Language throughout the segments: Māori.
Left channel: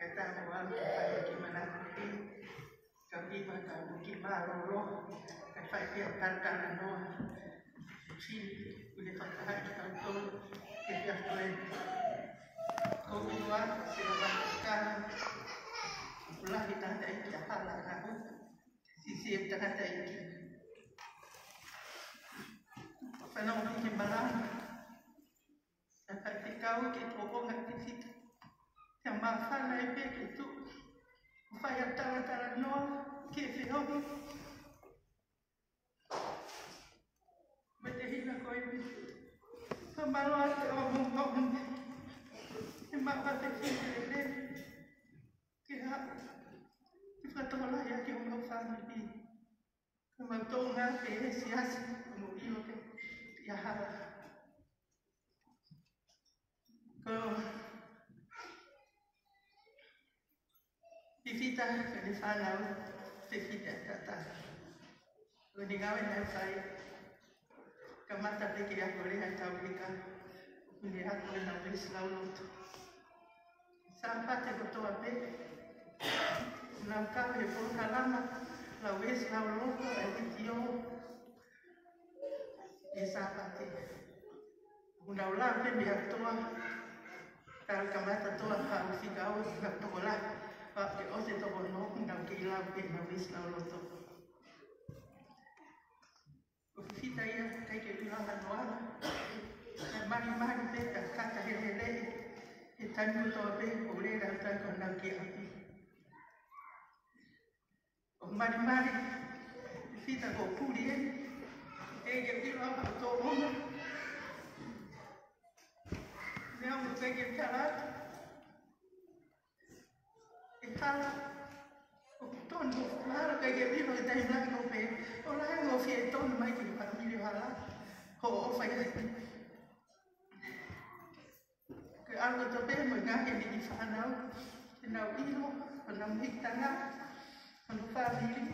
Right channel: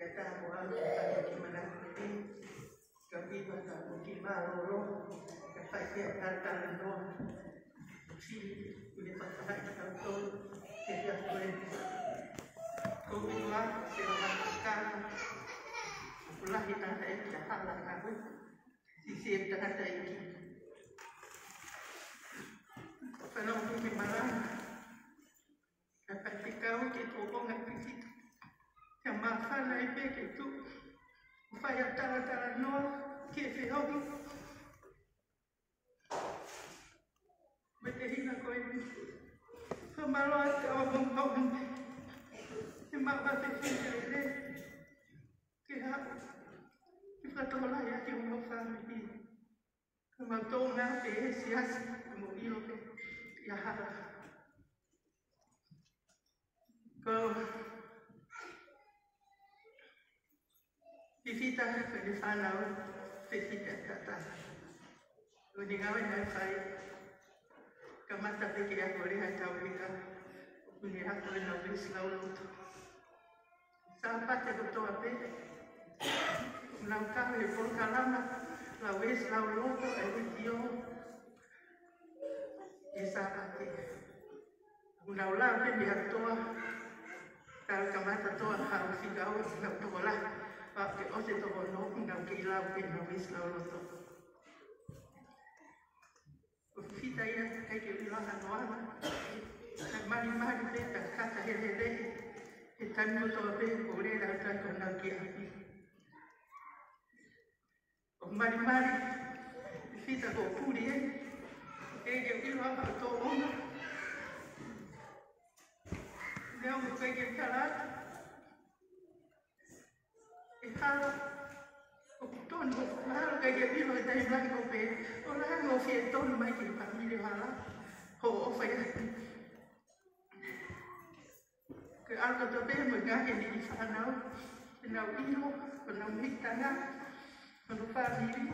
kata awal pada gimana ini kami pada mungkin baru kata dia terkadang si boleh tertahan kalau kita boleh keluar silakan ulah kita ada jahat lah aku sisi tengah tadi kalau mungkin barang ketika kita hubungan fisik yang masalah itu upaya cara-cara nol kisi hobi berhina kau ini semalam orang emak batik ini kita tolak ya kita mau family kemudian mati siasat kemudian ya ke visita di sana visita kata meninggalkan yang saya kemata pikir aku lihat Amerika melihat menawi selalu sampai terbentuk apa melangkah pun kalam lawe selalu tu editio disapati undaulah pun biar tua kalau kemata tua harus digau nggak tulah pakai osi tu bono nggak kilau pun habis selalu tu kita ya kayak bilang kan mari kita kata hele kita nu tu apa boleh datang ke negeri api mari kita go puri kayak bilang tu orang dia mau kayak cara kita ton kalau kayak bilang kita bilang kopi orang ngopi ton mai kita kami hala ho saya ke algo tope mengaje di sana na ilo na mitana na family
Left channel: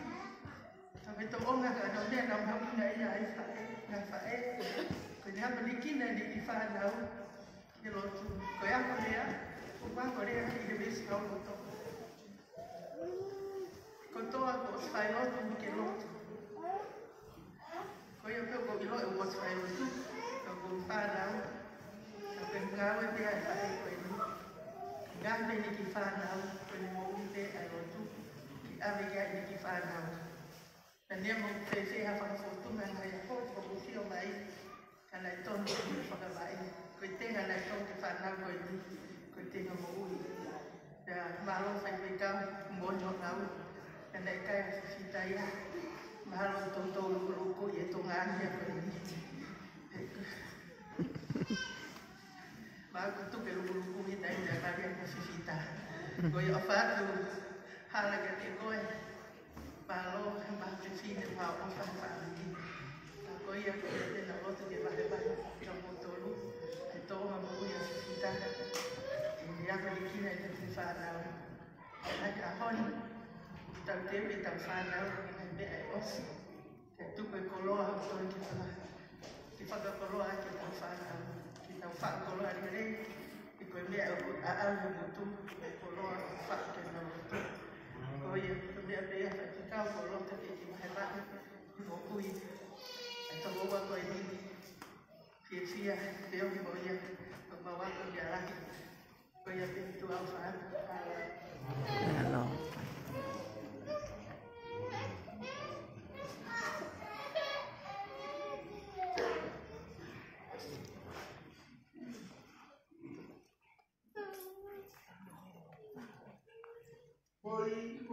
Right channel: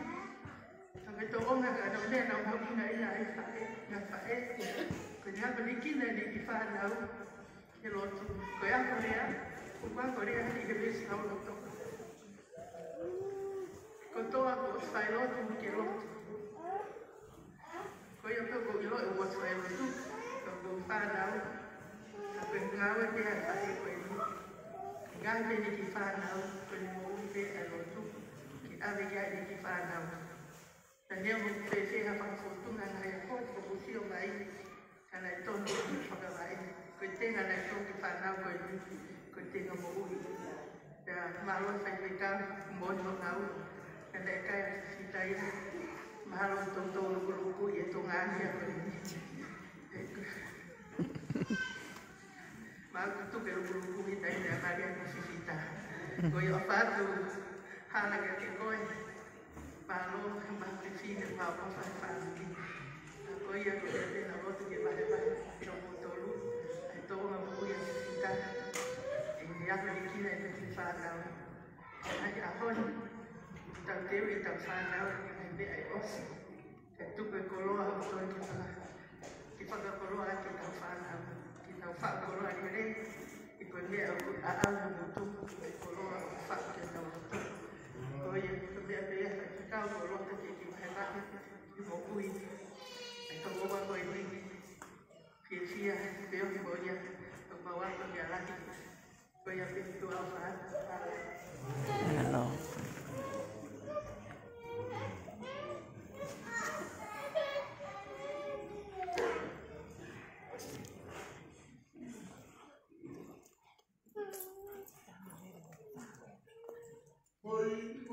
tapi to onga ada udah na mau ina ina na fae kenya belikin di sana ya lo tu kaya Korea apa Korea di besi kalau to koto aku style tu kelo kaya ko ilo it was style ko sana pengaruh dia tadi pun gambar di kifana penemuan dia itu kita berjaya di kifana dan dia mempercayai apa fortuna yang foto bersih baik karena itu juga baik kita nggak itu kifana kita nggak mau dan malu saya berikan bodoh tahu dan mereka yang kita ya malu tonton lugu itu nganya Aku pelo grupo kita ini varias posifitas. Koi ofatu hala que koi palo kembali sini apa family. Koi ya que na voto que vai no motoro. Então vamos ir a e ya que aqui na gente fala. Aí a hon tal teu e tal fala de aí os. Que tu que coloca o que fala. Que fala coloca que tal fala. Kita fak kalau hari ini ikut dia alam itu kalau fak kita itu oh ya dia dia kita kalau kita kita mau kui atau bawa kau ini sia dia mau dia bawa ke dia lagi kau yang itu apa halo Oi,